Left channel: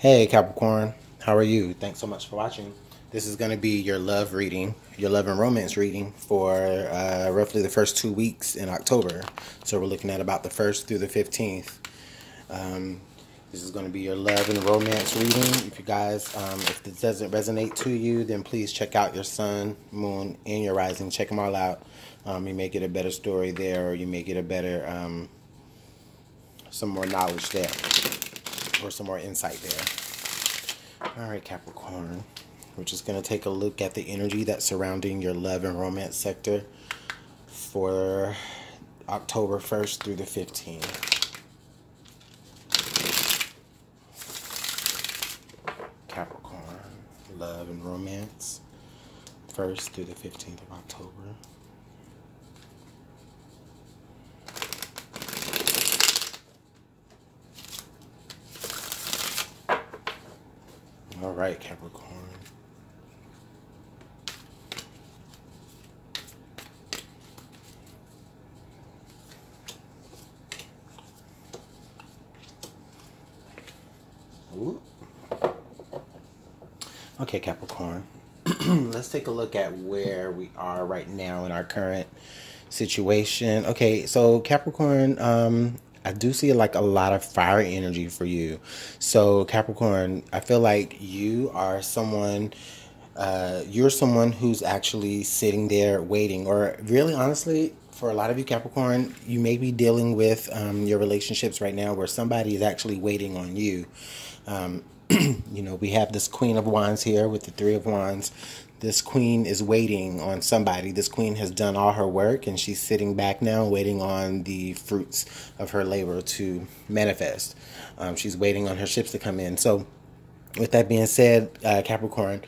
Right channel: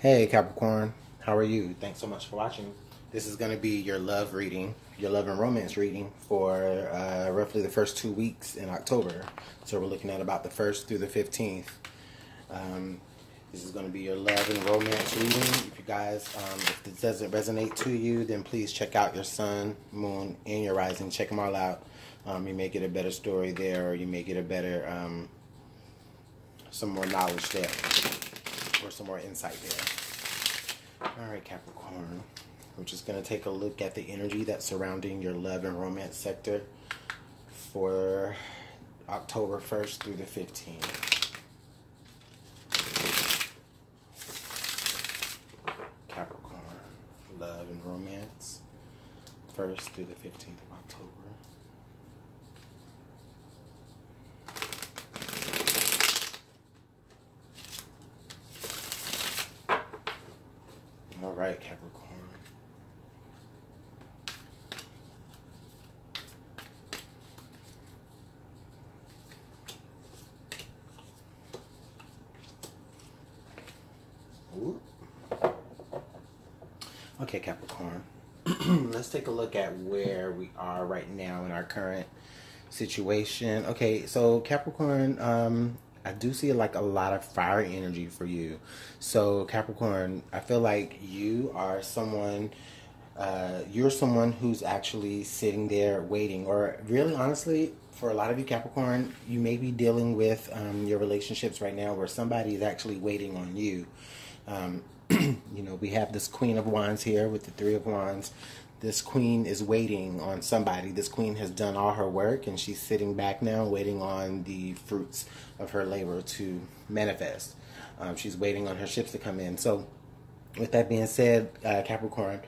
Hey Capricorn, how are you? Thanks so much for watching. This is going to be your love reading, your love and romance reading for roughly the first 2 weeks in October. So we're looking at about the 1st through the 15th. This is going to be your love and romance reading. If you guys, if this doesn't resonate to you, then please check out your sun, moon, and your rising. Check them all out. You may get a better story there, or you may get a better, some more knowledge there, or some more insight there. All right, Capricorn. We're just going to take a look at the energy that's surrounding your love and romance sector for October 1st through the 15th. Capricorn, love and romance, 1st through the 15th of October. All right, Capricorn. Ooh. Okay, Capricorn. Let's take a look at where we are right now in our current situation. Okay, so Capricorn, I do see like a lot of fire energy for you. So Capricorn, I feel like you are someone, you're someone who's actually sitting there waiting, or really honestly, for a lot of you Capricorn, you may be dealing with your relationships right now where somebody is actually waiting on you. You know, we have this Queen of Wands here with the Three of Wands. This queen is waiting on somebody. This queen has done all her work and she's sitting back now waiting on the fruits of her labor to manifest. She's waiting on her ships to come in. So with that being said, Capricorn,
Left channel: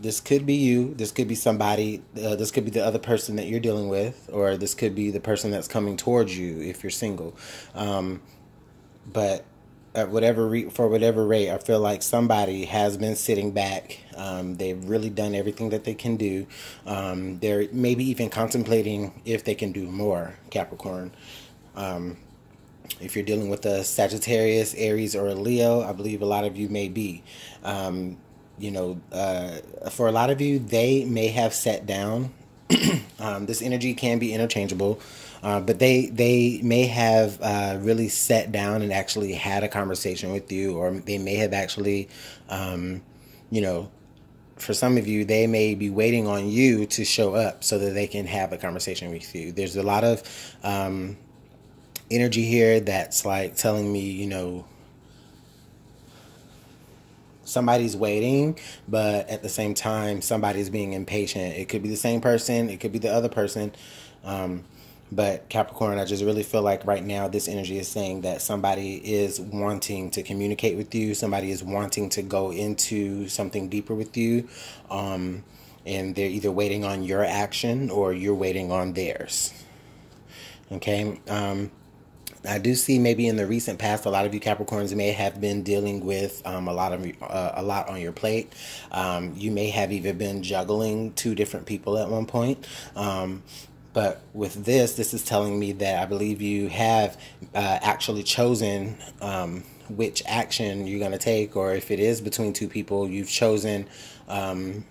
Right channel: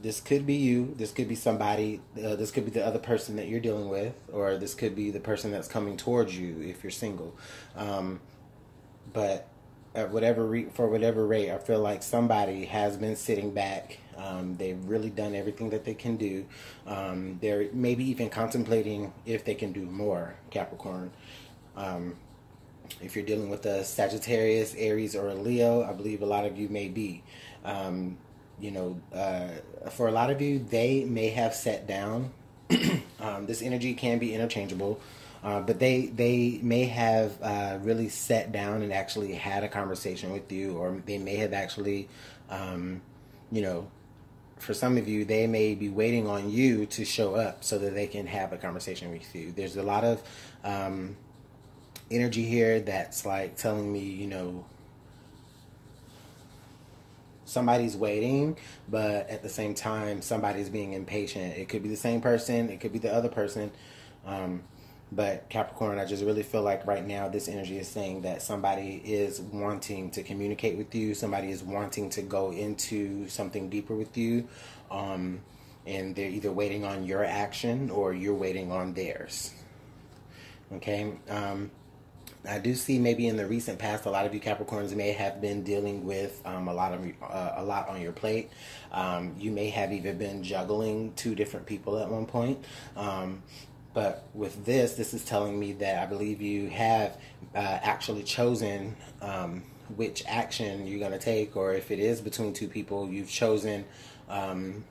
this could be you. This could be somebody. This could be the other person that you're dealing with, or this could be the person that's coming towards you if you're single. But at for whatever rate, I feel like somebody has been sitting back. They've really done everything that they can do. They're maybe even contemplating if they can do more, Capricorn. If you're dealing with a Sagittarius, Aries, or a Leo, I believe a lot of you may be. You know, for a lot of you, they may have sat down. This energy can be interchangeable. But they may have really sat down and actually had a conversation with you, or they may have actually, you know, for some of you, they may be waiting on you to show up so that they can have a conversation with you. There's a lot of energy here that's like telling me, you know, somebody's waiting, but at the same time, somebody's being impatient. It could be the same person. It could be the other person. But Capricorn, I just really feel like right now this energy is saying that somebody is wanting to communicate with you. Somebody is wanting to go into something deeper with you. And they're either waiting on your action or you're waiting on theirs. Okay. I do see maybe in the recent past, a lot of you Capricorns may have been dealing with a lot on your plate. You may have even been juggling two different people at one point. But with this is telling me that I believe you have actually chosen which action you're going to take, or if it is between two people, you've chosen the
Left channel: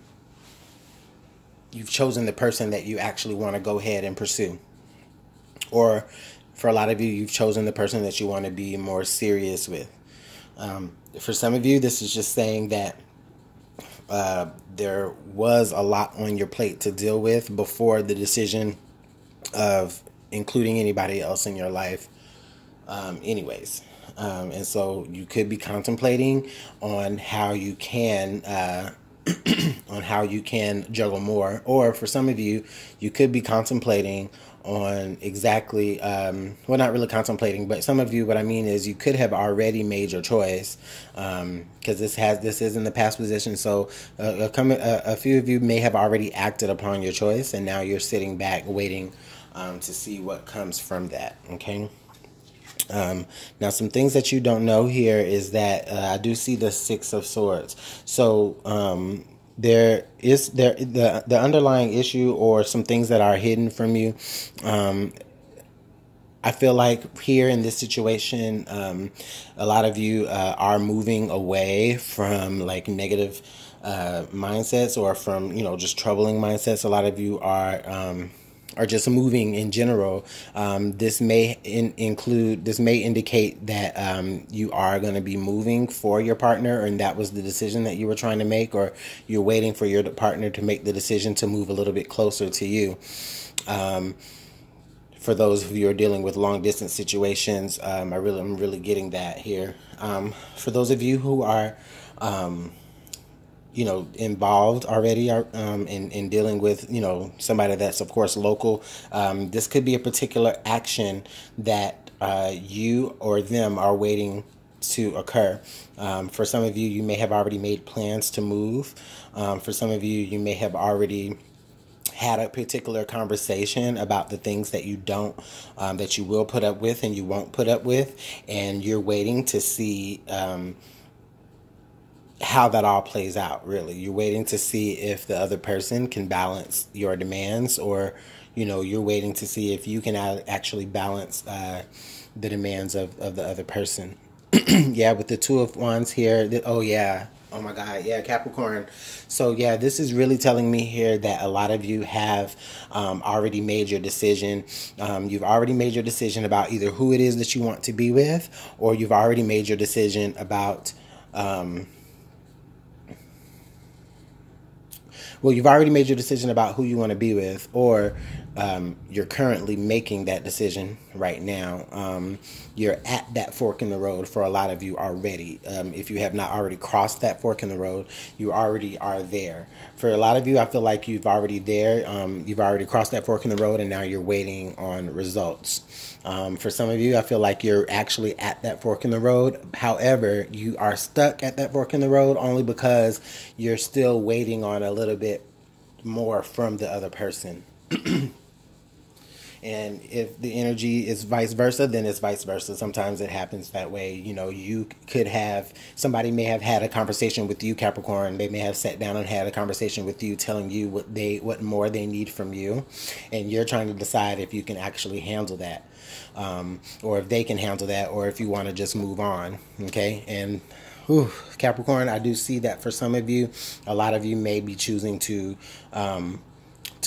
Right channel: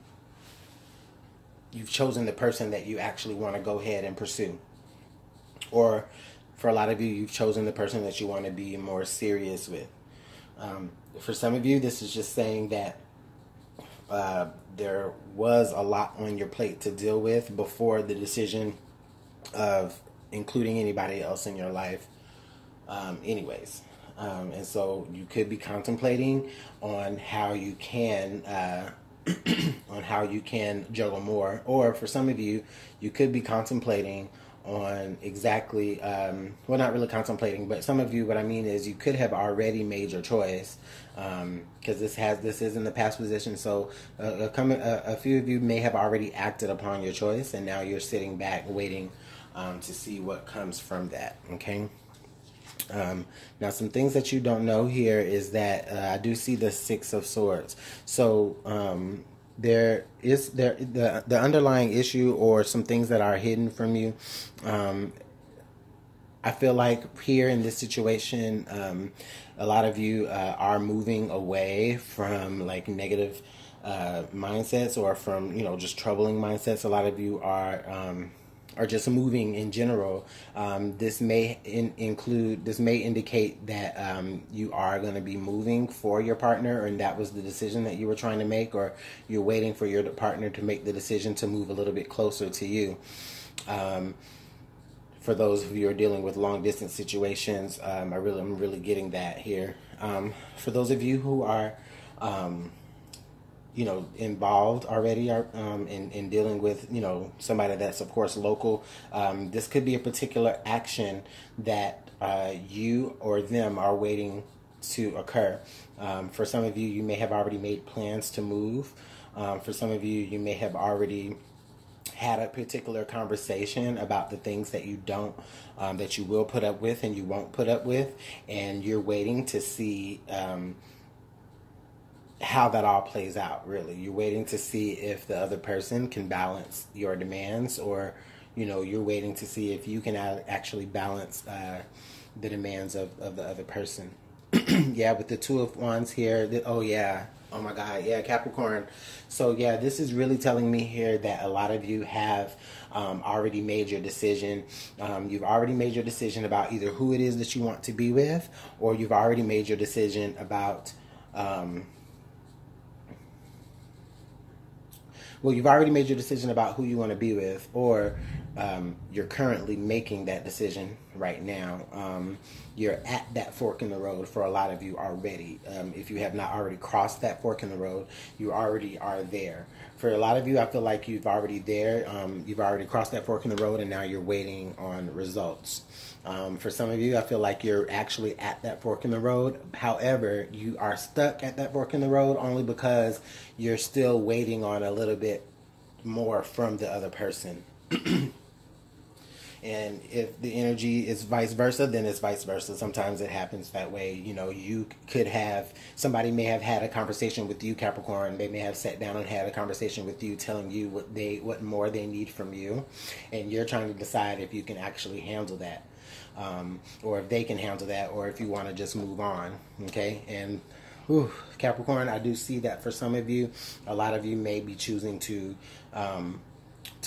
person that you actually want to go ahead and pursue. Or for a lot of you, you've chosen the person that you want to be more serious with. For some of you, this is just saying that there was a lot on your plate to deal with before the decision of including anybody else in your life anyways. And so you could be contemplating on how you can on how you can juggle more, or for some of you, you could be contemplating on exactly well, not really contemplating, but some of you, what I mean is you could have already made your choice, because this is in the past position. So a few of you may have already acted upon your choice, and now you're sitting back waiting to see what comes from that. Okay. Now, some things that you don't know here is that I do see the Six of Swords. So the underlying issue, or some things that are hidden from you, I feel like here in this situation, a lot of you are moving away from like negative mindsets, or from, you know, just troubling mindsets. A lot of you are just moving in general. This may indicate that you are going to be moving for your partner, and that was the decision that you were trying to make, or you're waiting for your partner to make the decision to move a little bit closer to you. For those of you who are dealing with long distance situations, I'm really getting that here. For those of you who are, you know, involved already in dealing with, you know, somebody that's of course local, this could be a particular action that you or them are waiting to occur. For some of you, you may have already made plans to move. For some of you, you may have already had a particular conversation about the things that you don't, that you will put up with and you won't put up with, and you're waiting to see how that all plays out. Really, you're waiting to see if the other person can balance your demands, or, you know, you're waiting to see if you can actually balance the demands of the other person. Yeah, with the Two of Wands here. Oh yeah. Oh my God. Yeah, Capricorn. So yeah, this is really telling me here that a lot of you have already made your decision. You've already made your decision about either who it is that you want to be with, or you've already made your decision about well, you've already made your decision about who you want to be with, or you're currently making that decision right now. You're at that fork in the road for a lot of you already. If you have not already crossed that fork in the road, you already are there. For a lot of you, I feel like you've already there. You've already crossed that fork in the road, and now you're waiting on results. For some of you, I feel like you're actually at that fork in the road. However, you are stuck at that fork in the road only because you're still waiting on a little bit more from the other person. And if the energy is vice versa, then it's vice versa. Sometimes it happens that way. You know, you could have, somebody may have had a conversation with you, Capricorn. They may have sat down and had a conversation with you, telling you what more they need from you. And you're trying to decide if you can actually handle that. Or if they can handle that, or if you want to just move on. Okay. And Capricorn, I do see that for some of you. A lot of you may be choosing to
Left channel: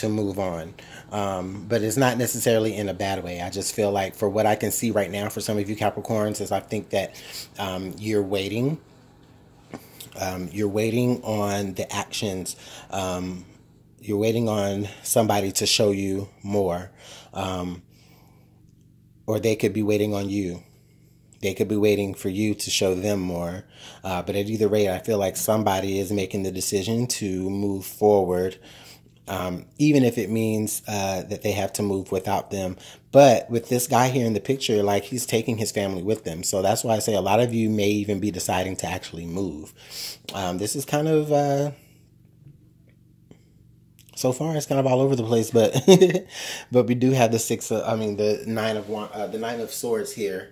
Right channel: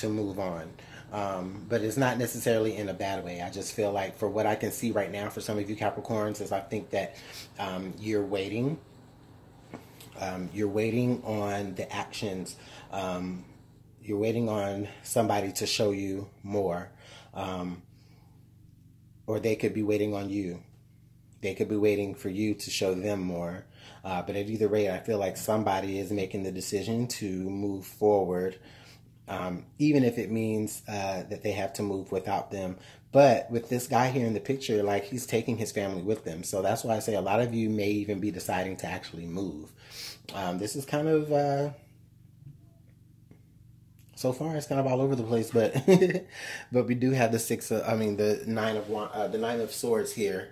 move on. But it's not necessarily in a bad way. I just feel like, for what I can see right now for some of you Capricorns, is I think that you're waiting. You're waiting on the actions. You're waiting on somebody to show you more. Or they could be waiting on you. They could be waiting for you to show them more. But at either rate, I feel like somebody is making the decision to move forward, even if it means that they have to move without them. But with this guy here in the picture, like, he's taking his family with them. So that's why I say a lot of you may even be deciding to actually move. This is kind of... so far, it's kind of all over the place, but but we do have the Nine of Swords here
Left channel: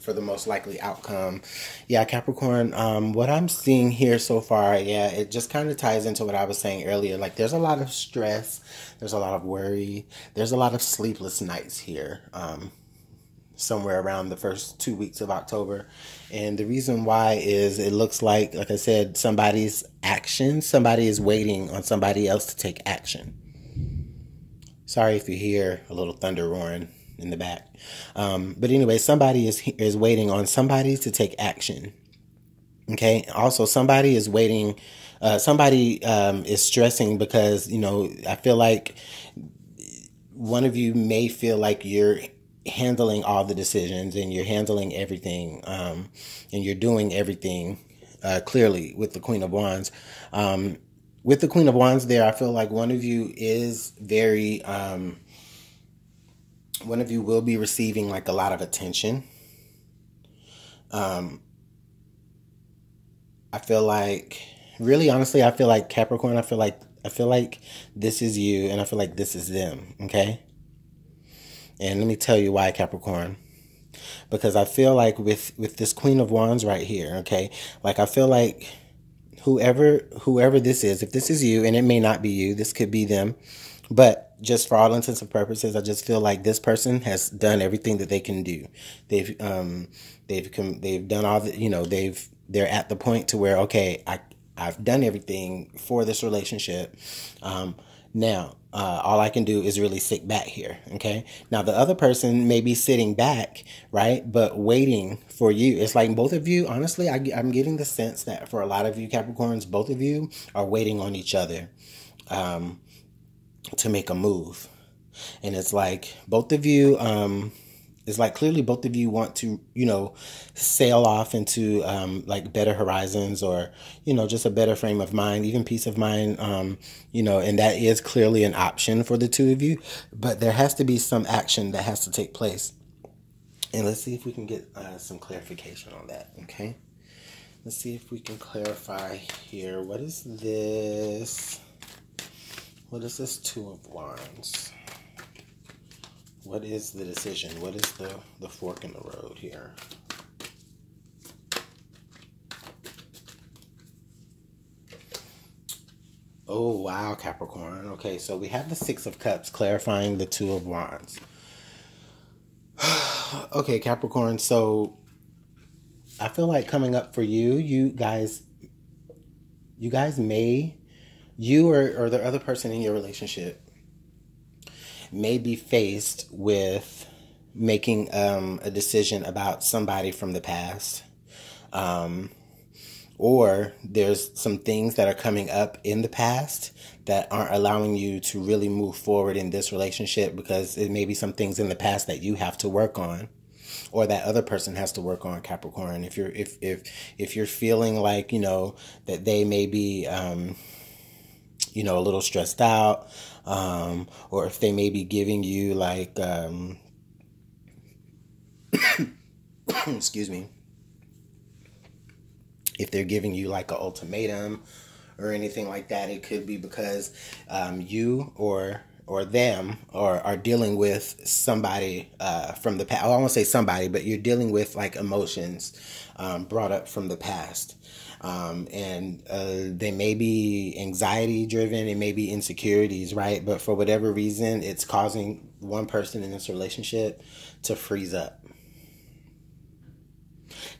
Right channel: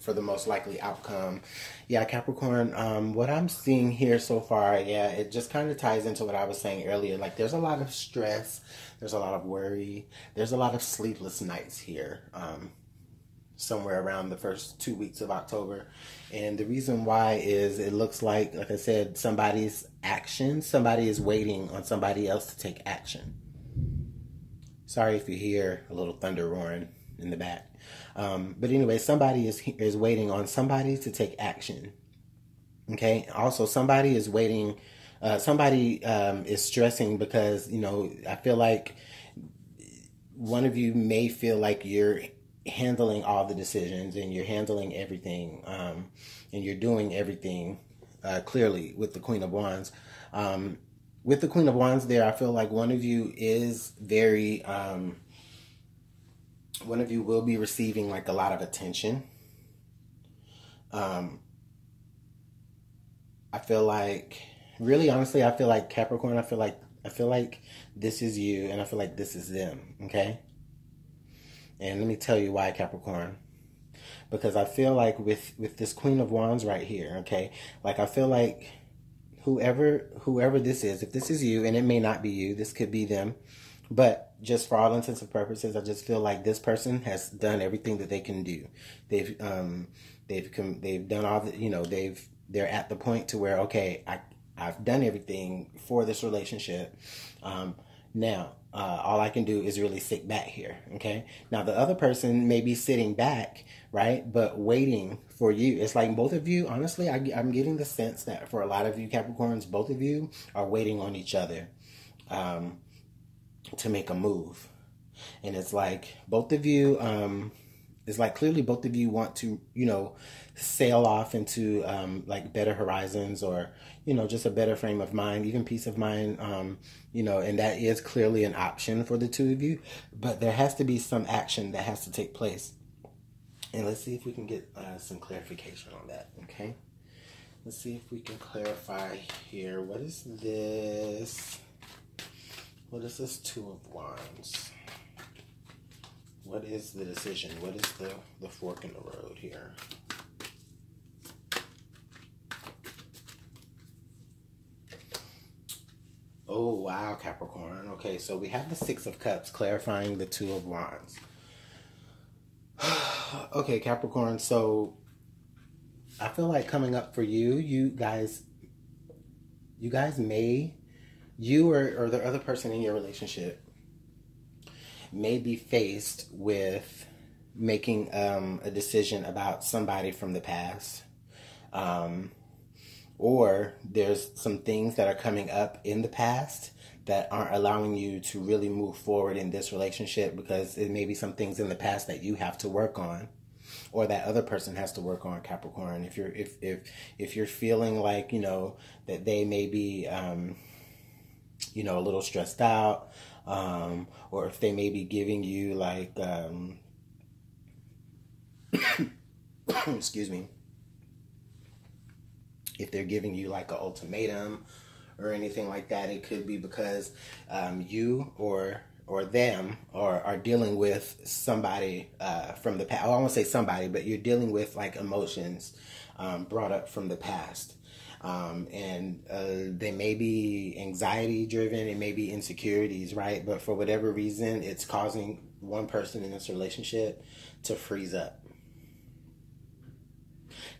for the most likely outcome. Yeah, Capricorn. What I'm seeing here so far, yeah, it just kind of ties into what I was saying earlier. Like, there's a lot of stress, there's a lot of worry, there's a lot of sleepless nights here. Somewhere around the first 2 weeks of October. And the reason why is, it looks like I said, somebody's action, somebody is waiting on somebody else to take action. Sorry if you hear a little thunder roaring in the back. But anyway, somebody is waiting on somebody to take action. Okay. Also, somebody is waiting. Somebody is stressing because, you know, I feel like one of you may feel like you're handling all the decisions, and you're handling everything, and you're doing everything clearly with the Queen of Wands. With the Queen of Wands there, I feel like one of you is very, one of you will be receiving like a lot of attention. I feel like, really honestly, I feel like Capricorn, I feel like this is you, and I feel like this is them. Okay. And let me tell you why, Capricorn. Because I feel like with this Queen of Wands right here, okay, like, I feel like whoever this is, if this is you, and it may not be you, this could be them, but just for all intents and purposes, I just feel like this person has done everything that they can do. They've done all the, they're at the point to where, okay, I've done everything for this relationship. Now, all I can do is really sit back here. Okay. Now, the other person may be sitting back, right, but waiting for you. It's like both of you, honestly, I'm getting the sense that for a lot of you Capricorns, both of you are waiting on each other to make a move. And it's like both of you, it's like clearly both of you want to, sail off into like better horizons, or, just a better frame of mind, even peace of mind, and that is clearly an option for the two of you. But there has to be some action that has to take place. And let's see if we can get some clarification on that, okay? Let's see if we can clarify here. What is this? What is this Two of Wands? What is the decision? What is the fork in the road here? Oh, wow, Capricorn. Okay, so we have the Six of Cups clarifying the Two of Wands. Okay, Capricorn, so I feel like coming up for you, you guys may, you or the other person in your relationship may be faced with making a decision about somebody from the past. Or there's some things that are coming up in the past that aren't allowing you to really move forward in this relationship, because it may be some things in the past that you have to work on, or that other person has to work on, Capricorn. If you're feeling like, that they may be, a little stressed out, or if they may be giving you like, excuse me, if they're giving you like an ultimatum or anything like that, it could be because you or them are dealing with somebody from the past. I won't say somebody, but you're dealing with like emotions brought up from the past. And they may be anxiety driven, it may be insecurities, right? But for whatever reason, it's causing one person in this relationship to freeze up.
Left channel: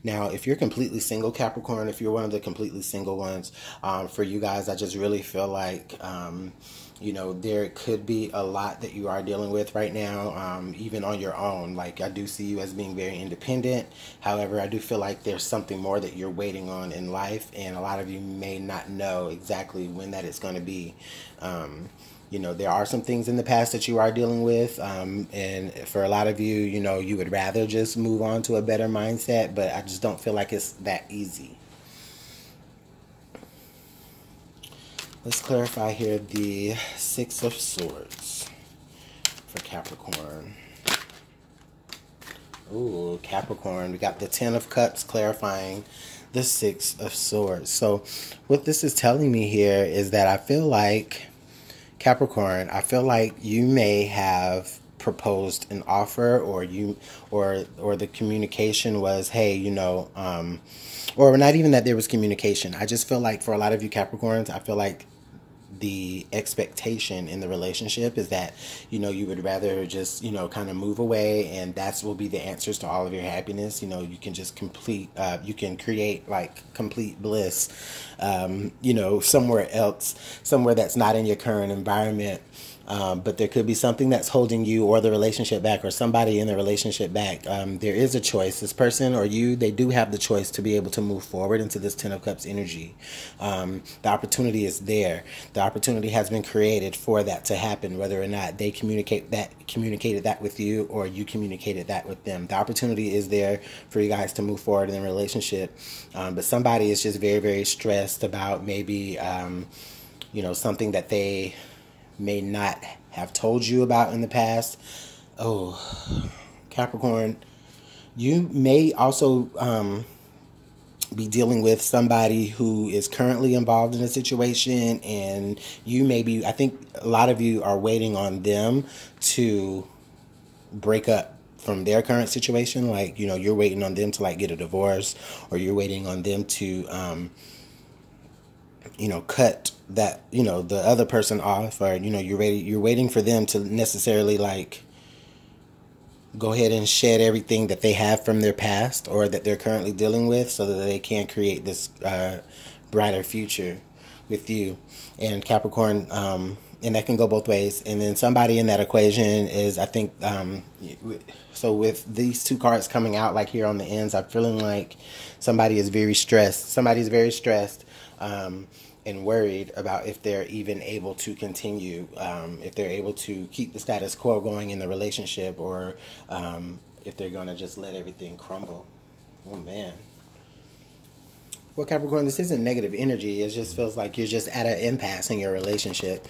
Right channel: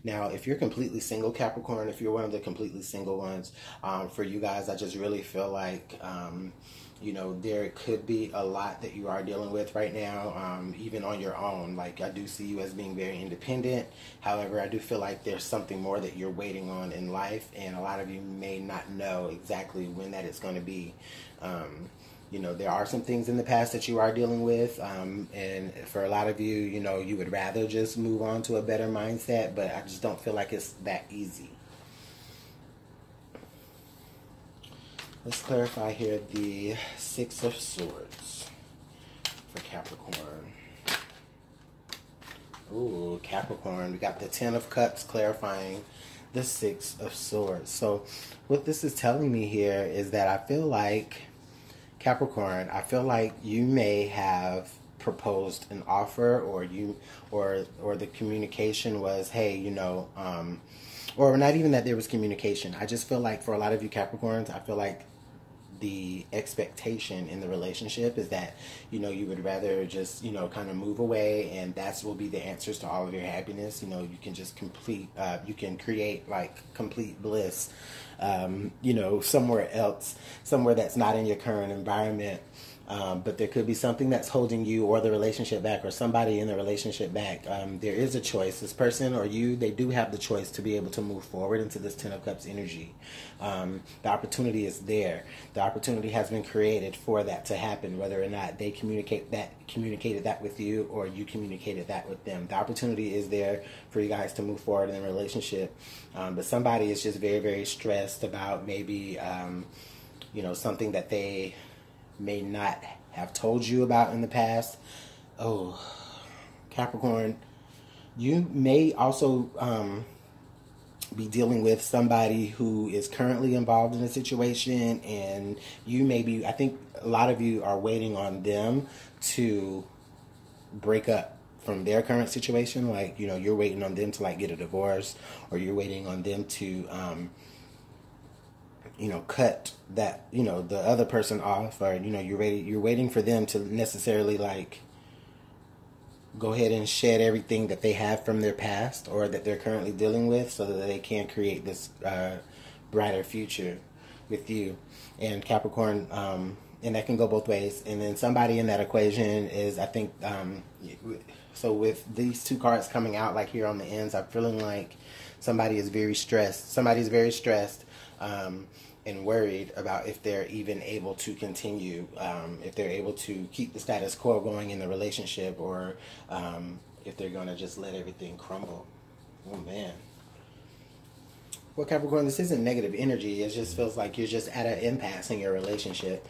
Now, if you're completely single, Capricorn, if you're one of the completely single ones, for you guys, I just really feel like, there could be a lot that you are dealing with right now, even on your own. Like, I do see you as being very independent. However, I do feel like there's something more that you're waiting on in life, and a lot of you may not know exactly when that is going to be. There are some things in the past that you are dealing with, and for a lot of you, you would rather just move on to a better mindset, but I just don't feel like it's that easy. Let's clarify here the Six of Swords for Capricorn. Ooh, Capricorn, we got the Ten of Cups clarifying the Six of Swords. So what this is telling me here is that I feel like, Capricorn, I feel like you may have proposed an offer, or the communication was, hey, or not even that there was communication. I just feel like for a lot of you Capricorns, I feel like the expectation in the relationship is that, you would rather just, kind of move away, and that will be the answers to all of your happiness. You can just you can create like complete bliss, somewhere else, somewhere that's not in your current environment. But there could be something that's holding you or the relationship back, or somebody in the relationship back. There is a choice. This person or you, they do have the choice to be able to move forward into this Ten of Cups energy. The opportunity is there. The opportunity has been created for that to happen, whether or not they communicated that with you, or you communicated that with them. The opportunity is there for you guys to move forward in a relationship. But somebody is just very, very stressed about maybe, something that they may not have told you about in the past. Oh, Capricorn, you may also be dealing with somebody who is currently involved in a situation, and I think a lot of you are waiting on them to break up from their current situation. Like, you're waiting on them to like get a divorce, or you're waiting on them to cut that, the other person off, or, you're waiting for them to necessarily like go ahead and shed everything that they have from their past or that they're currently dealing with so that they can create this brighter future with you. And Capricorn, and that can go both ways. And then somebody in that equation is, I think, so with these two cards coming out like here on the ends, I'm feeling like somebody is very stressed. Somebody's very stressed and worried about if they're even able to continue, if they're able to keep the status quo going in the relationship, or if they're going to just let everything crumble. Oh, man. Well, Capricorn, this isn't negative energy. It just feels like you're just at an impasse in your relationship.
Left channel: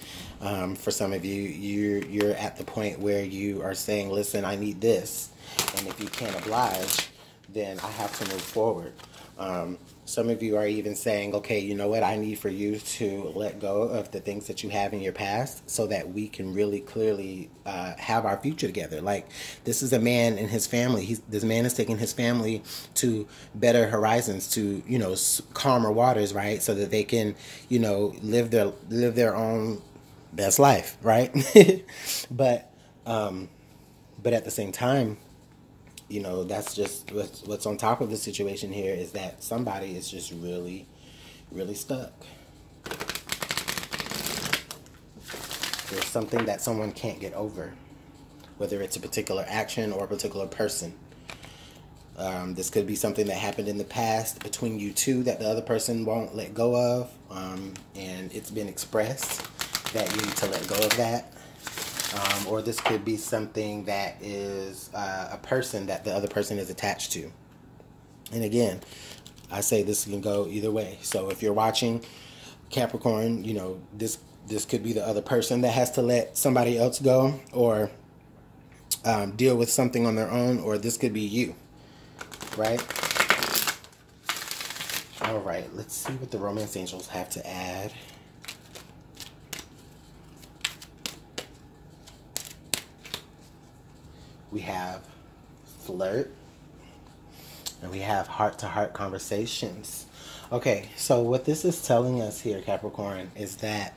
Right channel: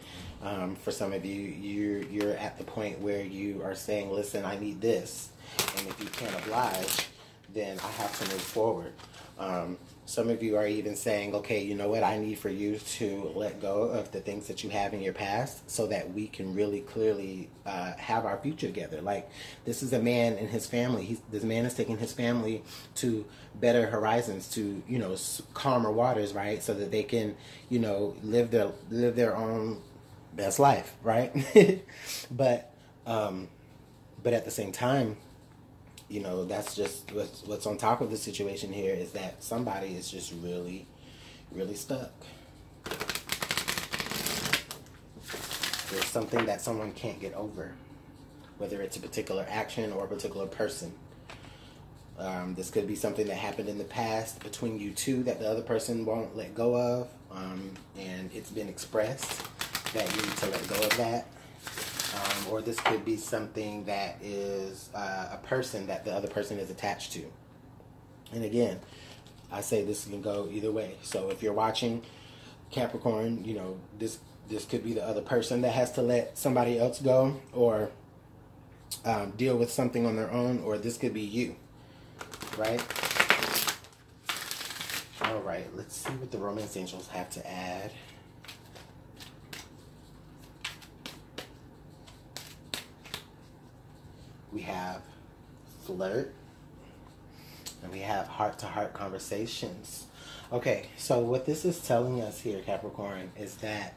For some of you, you're at the point where you are saying, listen, I need this. And if you can't oblige, then I have to move forward. Some of you are even saying, okay, you know what? I need for you to let go of the things that you have in your past so that we can really clearly have our future together. Like, this is a man and his family. This man is taking his family to better horizons, to, calmer waters, right? So that they can, live their own best life, right? But at the same time, that's just what's on top of the situation here, is that somebody is just really, really stuck. There's something that someone can't get over, whether it's a particular action or a particular person. This could be something that happened in the past between you two that the other person won't let go of, and it's been expressed that you need to let go of that. Or this could be something that is a person that the other person is attached to. And again, I say this can go either way. So if you're watching Capricorn, this could be the other person that has to let somebody else go, or deal with something on their own, or this could be you, right? All right, let's see what the romance angels have to add. We have flirt, and we have heart-to-heart conversations. Okay, so what this is telling us here, Capricorn, is that,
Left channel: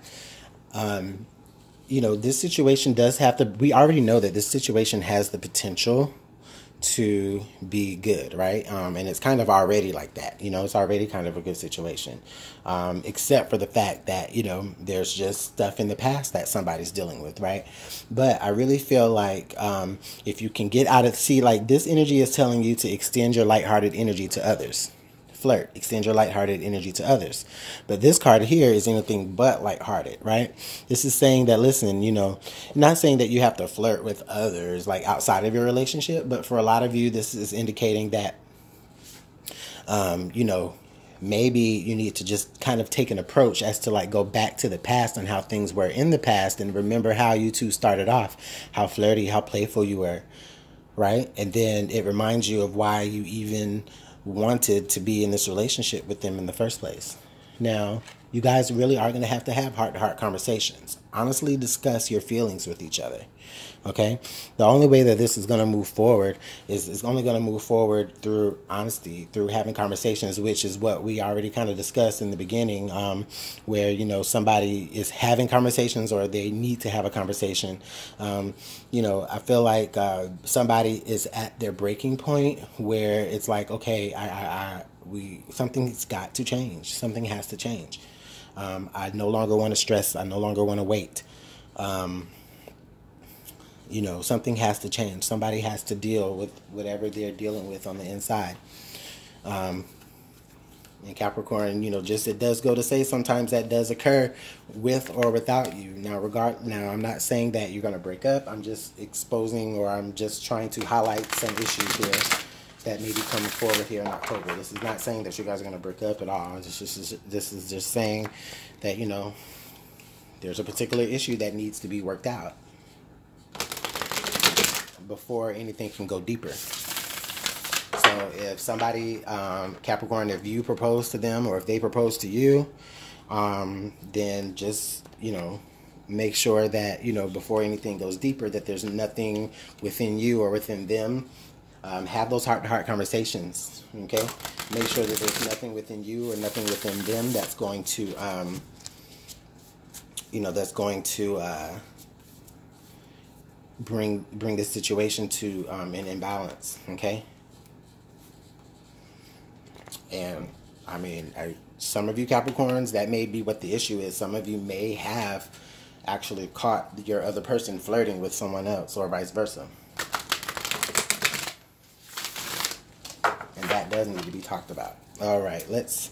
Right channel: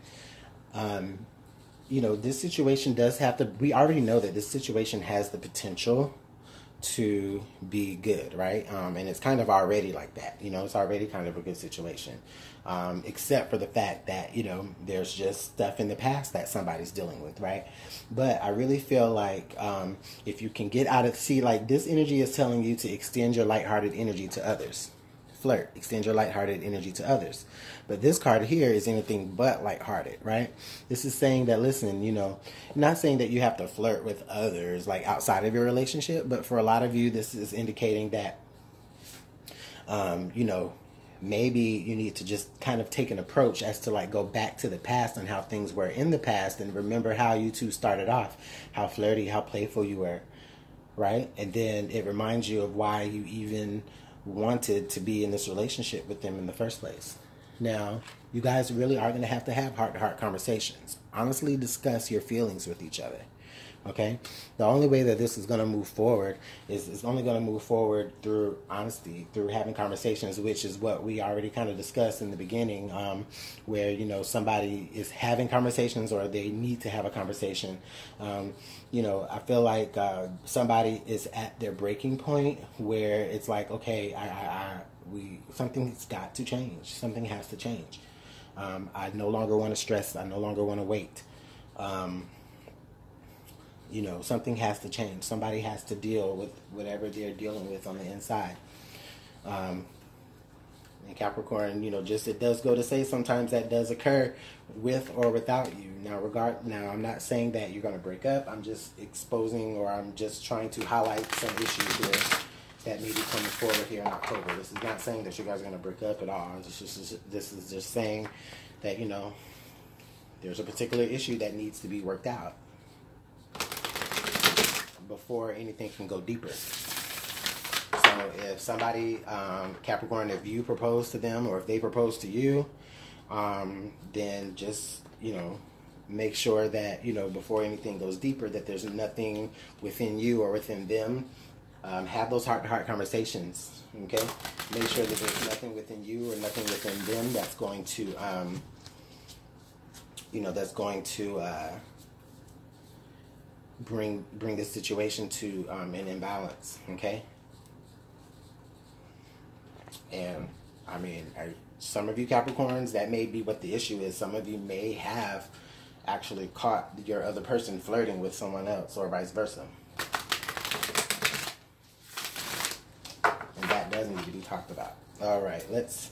this situation does have to, we already know that this situation has the potential to be good, right? And it's kind of already like that, it's already kind of a good situation, except for the fact that, there's just stuff in the past that somebody's dealing with, right? But I really feel like if you can get out of, like this energy is telling you to extend your lighthearted energy to others. Flirt, extend your lighthearted energy to others. But this card here is anything but lighthearted, right? This is saying that, listen, not saying that you have to flirt with others like outside of your relationship, but for a lot of you, this is indicating that, maybe you need to just kind of take an approach as to like go back to the past and how things were in the past and remember how you two started off, how flirty, how playful you were, right? And then it reminds you of why you even wanted to be in this relationship with them in the first place. Now, you guys really are going to have heart-to-heart conversations. Honestly discuss your feelings with each other. Okay? The only way that this is going to move forward is it's only going to move forward through honesty, through having conversations, which is what we already kind of discussed in the beginning, where, somebody is having conversations or they need to have a conversation. I feel like somebody is at their breaking point where it's like, okay, something's got to change. Something has to change. I no longer want to stress. I no longer want to wait. Something has to change. Somebody has to deal with whatever they're dealing with on the inside. And Capricorn, it does go to say sometimes that does occur with or without you. Now, I'm not saying that you're going to break up. I'm just exposing, or I'm just trying to highlight some issues here that may be coming forward here in October. This is not saying that you guys are going to break up at all. This is just saying that, there's a particular issue that needs to be worked out before anything can go deeper. So if somebody, Capricorn, if you propose to them or if they propose to you, then just, make sure that, before anything goes deeper, that there's nothing within you or within them Have those heart-to-heart conversations, okay? Make sure that there's nothing within you or nothing within them that's going to, bring this situation to an imbalance, okay? And I mean, some of you Capricorns, that may be what the issue is. Some of you may have actually caught your other person flirting with someone else, or vice versa. And that does need to be talked about. All right, let's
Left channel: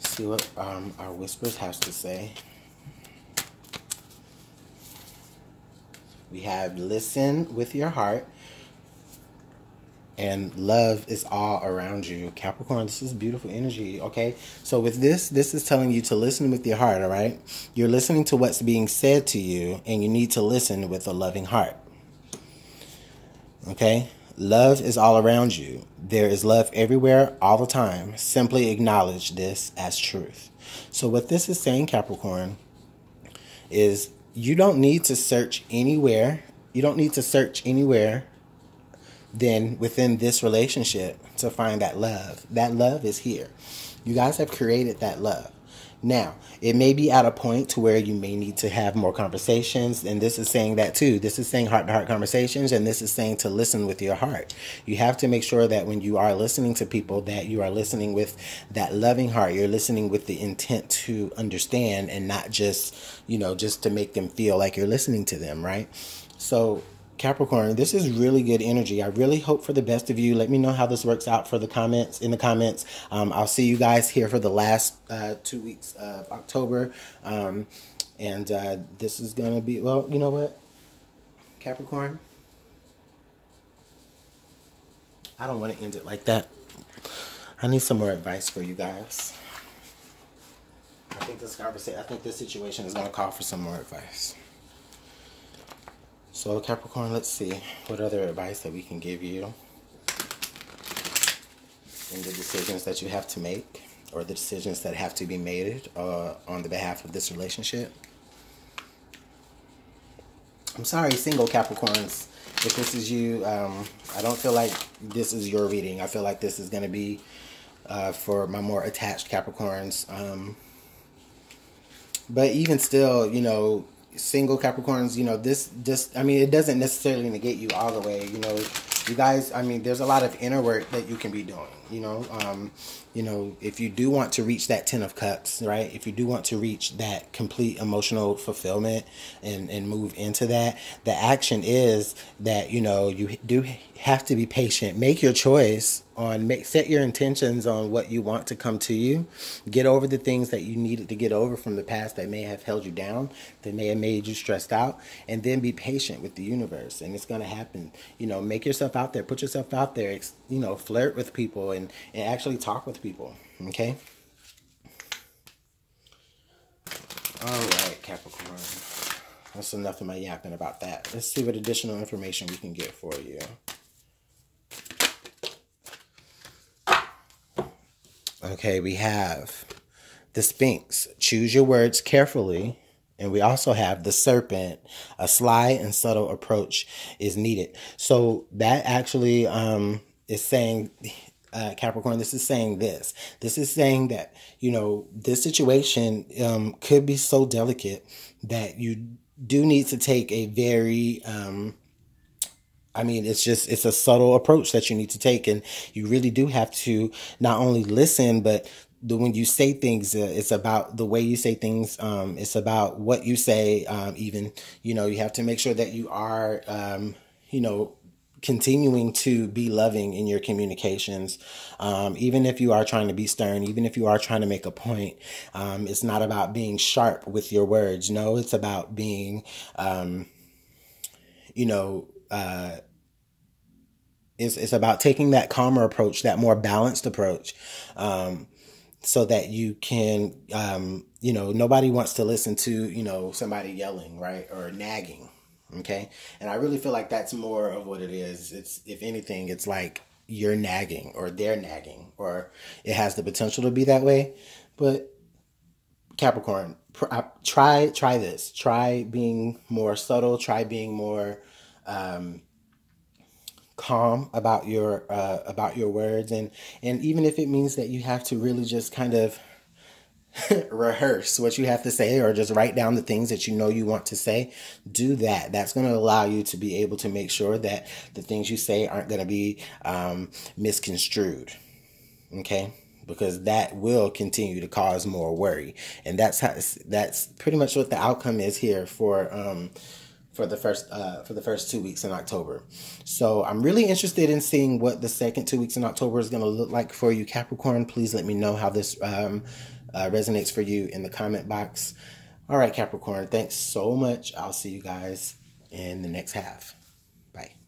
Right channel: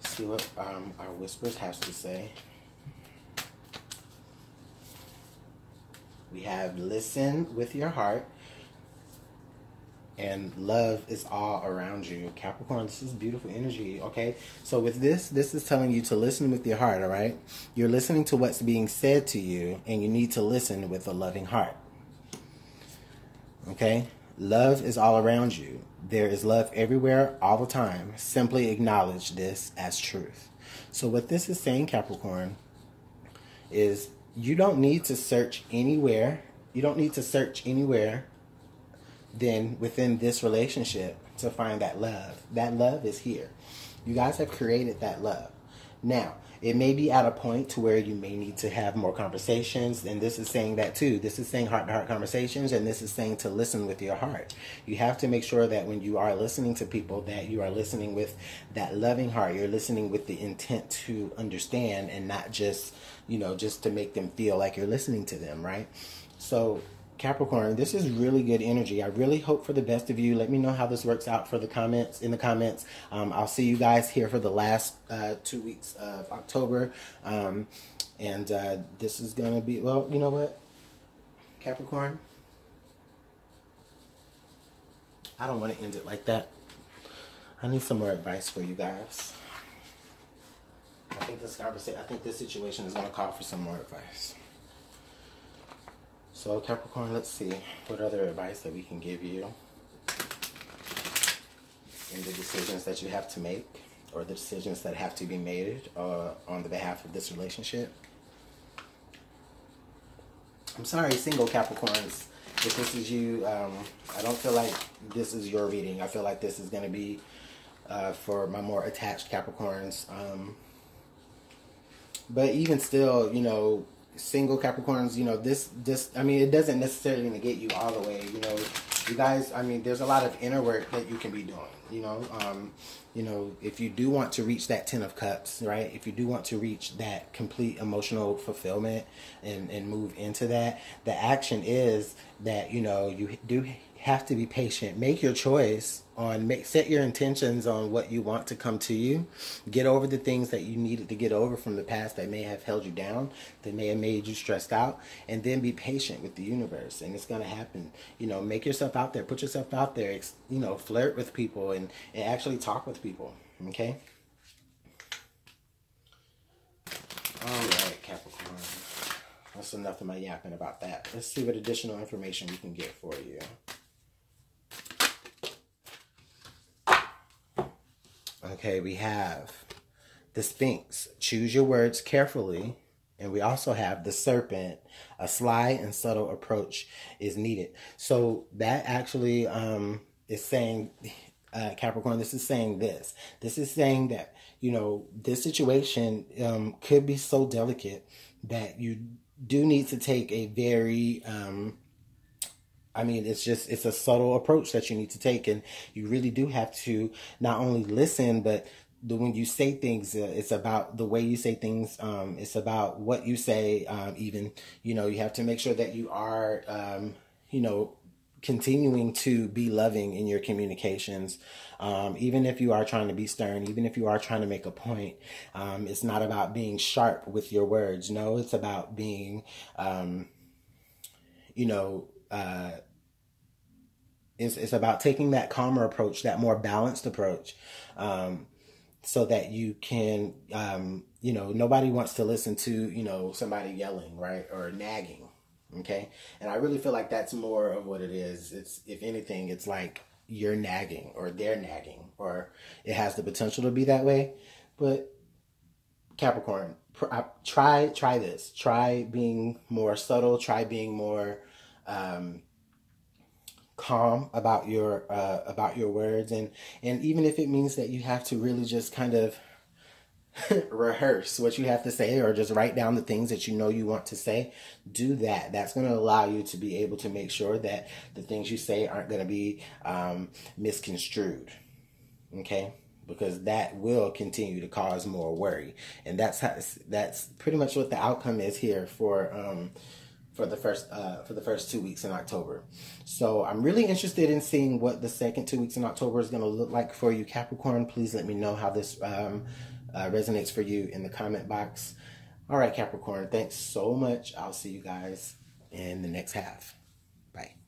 see what our whispers has to say. We have listen with your heart, and love is all around you. Capricorn, this is beautiful energy, okay? So with this is telling you to listen with your heart, all right? You're listening to what's being said to you, and you need to listen with a loving heart, okay? Love is all around you. There is love everywhere, all the time. Simply acknowledge this as truth. So what this is saying, Capricorn, is you don't need to search anywhere. You don't need to search anywhere than within this relationship to find that love. That love is here. You guys have created that love. Now, it may be at a point to where you may need to have more conversations, and this is saying that too. This is saying heart-to-heart conversations, and this is saying to listen with your heart. You have to make sure that when you are listening to people, that you are listening with that loving heart. You're listening with the intent to understand, and not just, just to make them feel like you're listening to them, right? So Capricorn, this is really good energy. I really hope for the best of you. Let me know how this works out in the comments. I'll see you guys here for the last 2 weeks of October. And this is going to be, well, you know what, Capricorn? I don't want to end it like that. I need some more advice for you guys. I think this situation is going to call for some more advice. So Capricorn, let's see what other advice that we can give you in the decisions that you have to make, or the decisions that have to be made on the behalf of this relationship. I'm sorry, single Capricorns, if this is you, I don't feel like this is your reading. I feel like this is going to be for my more attached Capricorns. But even still, single Capricorns, I mean, it doesn't necessarily negate you all the way, you guys. I mean, there's a lot of inner work that you can be doing, if you do want to reach that 10 of Cups, right? If you do want to reach that complete emotional fulfillment and move into that, the action is that, you do have to be patient. Make your choice set your intentions on what you want to come to you. Get over the things that you needed to get over from the past that may have held you down, that may have made you stressed out, and then be patient with the universe, and it's going to happen. Make yourself out there, put yourself out there, flirt with people and actually talk with people, okay? All right, Capricorn. That's enough of my yapping about that. Let's see what additional information we can get for you. Okay, we have the Sphinx. Choose your words carefully. And we also have the Serpent. A sly and subtle approach is needed. So that actually is saying, Capricorn, this is saying this. This is saying that, this situation could be so delicate that you do need to take a very... it's a subtle approach that you need to take, and you really do have to not only listen, but when you say things, it's about the way you say things. It's about what you say. Even, you have to make sure that you are, continuing to be loving in your communications. Even if you are trying to be stern, even if you are trying to make a point, it's not about being sharp with your words. No, it's about being, it's about taking that calmer approach, that more balanced approach, so that you can, nobody wants to listen to, somebody yelling, right, or nagging, okay? And I really feel like that's more of what it is. It's, if anything, it's like you're nagging or they're nagging, or it has the potential to be that way. But Capricorn, try this. Try being more subtle. Try being more calm about your words, and even if it means that you have to really just kind of rehearse what you have to say, or just write down the things that you know you want to say, do that. That's going to allow you to be able to make sure that the things you say aren't going to be misconstrued. Okay? Because that will continue to cause more worry, and that's pretty much what the outcome is here for the first 2 weeks in October. So I'm really interested in seeing what the second 2 weeks in October is going to look like for you, Capricorn. Please let me know how this resonates for you in the comment box. All right, Capricorn, thanks so much. I'll see you guys in the next half. Bye.